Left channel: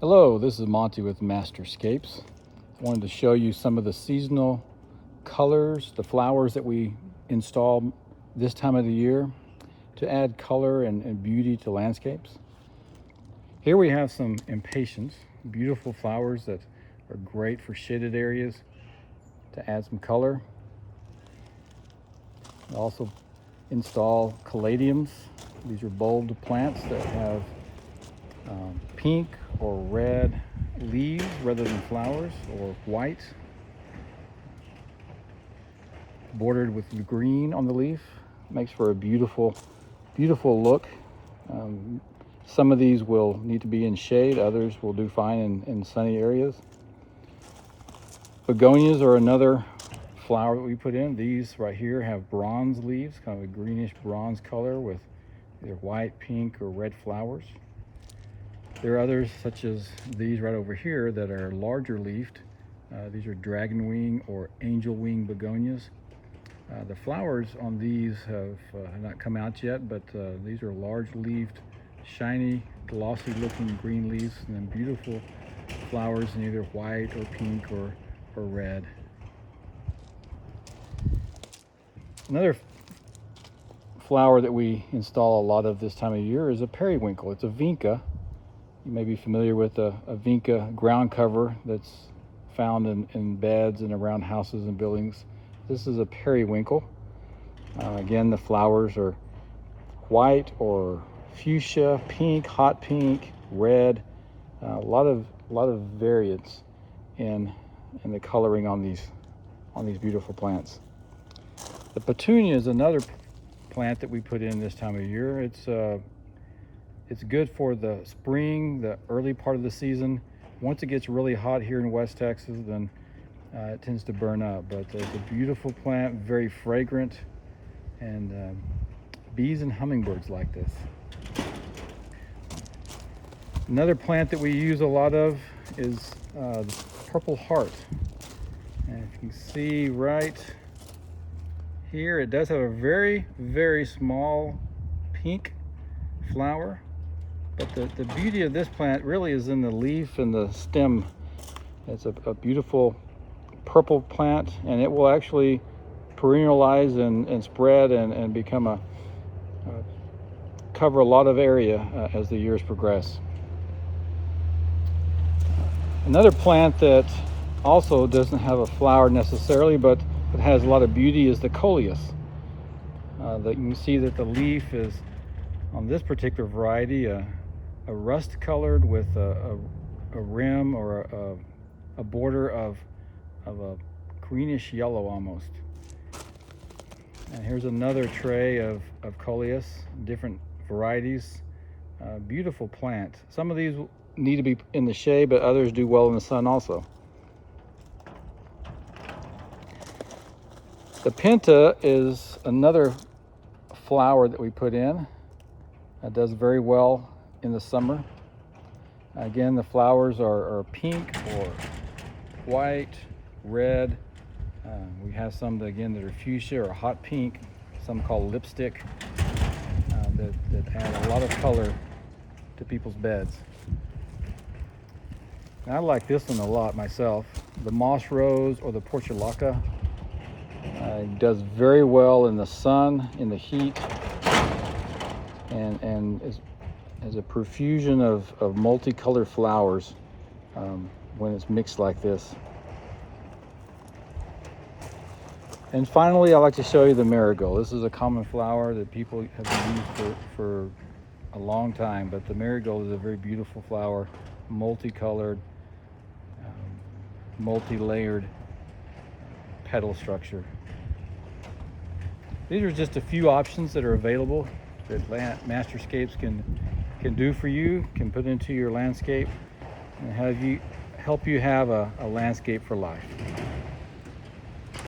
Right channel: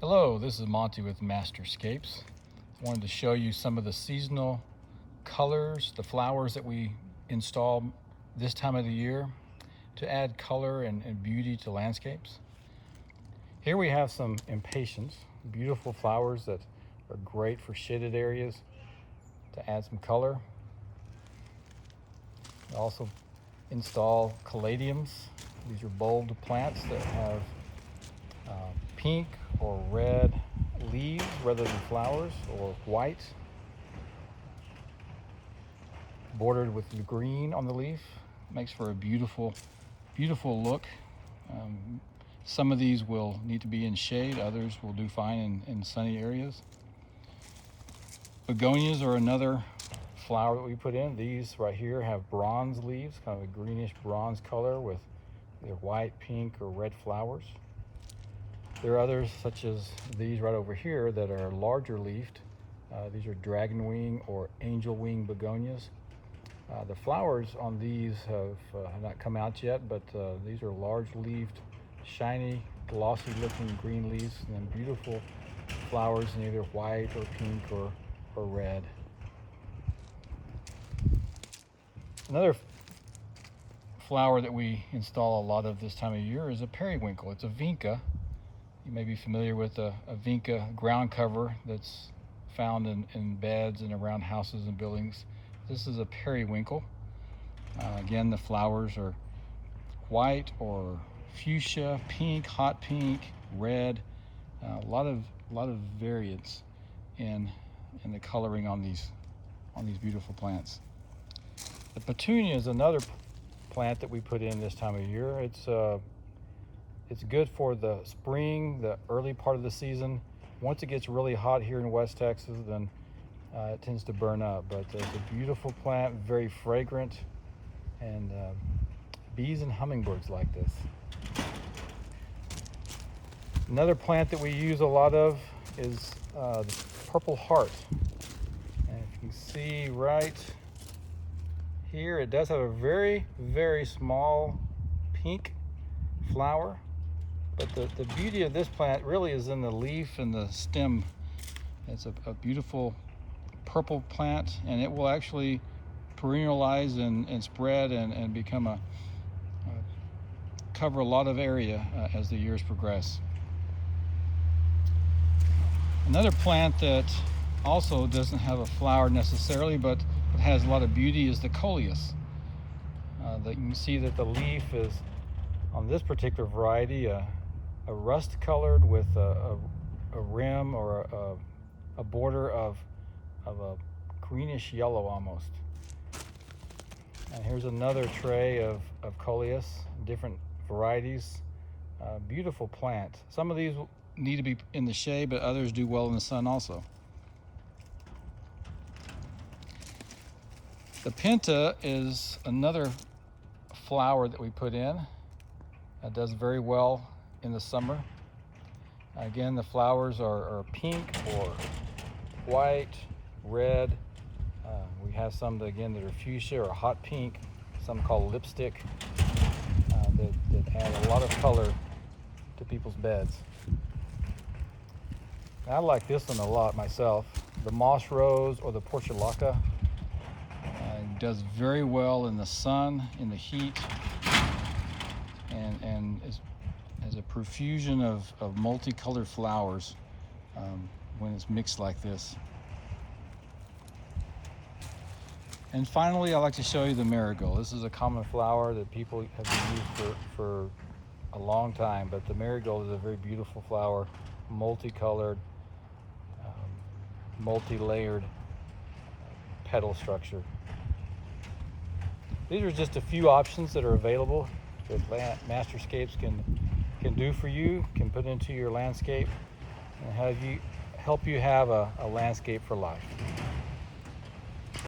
Hello, this is Monty with Masterscapes. I wanted to show you some of the seasonal colors, the flowers that we install this time of the year to add color and beauty to landscapes. Here we have some impatiens, beautiful flowers that are great for shaded areas to add some color. We also install caladiums. These are bulbed plants that have pink or red leaves rather than flowers, or white, bordered with green on the leaf. Makes for a beautiful look. Some of these will need to be in shade, others will do fine in sunny areas. Begonias are another flower that we put in. These right here have bronze leaves, kind of a greenish bronze color with either white, pink, or red flowers. There are others, such as these right over here, that are larger leafed. These are dragon wing or angel wing begonias. The flowers on these have not come out yet, but these are large leafed, shiny, glossy looking green leaves, and then beautiful flowers in either white or pink or red. Another flower that we install a lot of this time of year is a periwinkle. It's a vinca. You may be familiar with a vinca ground cover that's found in beds and around houses and buildings. This is a periwinkle. Again, the flowers are white or fuchsia, pink, hot pink, red. A lot of variance in the coloring on these beautiful plants. The Petunia is another plant that we put in this time of year. It's good for the spring, the early part of the season. Once it gets really hot here in West Texas, then it tends to burn up. But it's a beautiful plant, very fragrant, and bees and hummingbirds like this. Another plant that we use a lot of is the purple heart. And if you can see right here, it does have a very, very small pink flower. But the beauty of this plant really is in the leaf and the stem. It's a beautiful purple plant, and it will actually perennialize and spread and become cover a lot of area as the years progress. Another plant that also doesn't have a flower necessarily, but it has a lot of beauty, is the Coleus. That you can see that the leaf is, on this particular variety, a rust colored with a rim or a border of a greenish yellow almost. And here's another tray of Coleus, different varieties. Beautiful plant. Some of these need to be in the shade, but others do well in the sun also. The Penta is another flower that we put in. It does very well in the summer. Again, the flowers are pink or white, red. We have some that are fuchsia or hot pink, some called lipstick, that add a lot of color to people's beds. And I like this one a lot myself. The moss rose or the portulaca does very well in the sun, in the heat, and is a profusion of multicolored flowers when it's mixed like this. And finally, I like to show you the marigold. This is a common flower that people have used for a long time, but the marigold is a very beautiful flower, multicolored, multi-layered petal structure. These are just a few options that are available that Masterscapes can do for you, can put into your landscape, and help you have a landscape for life.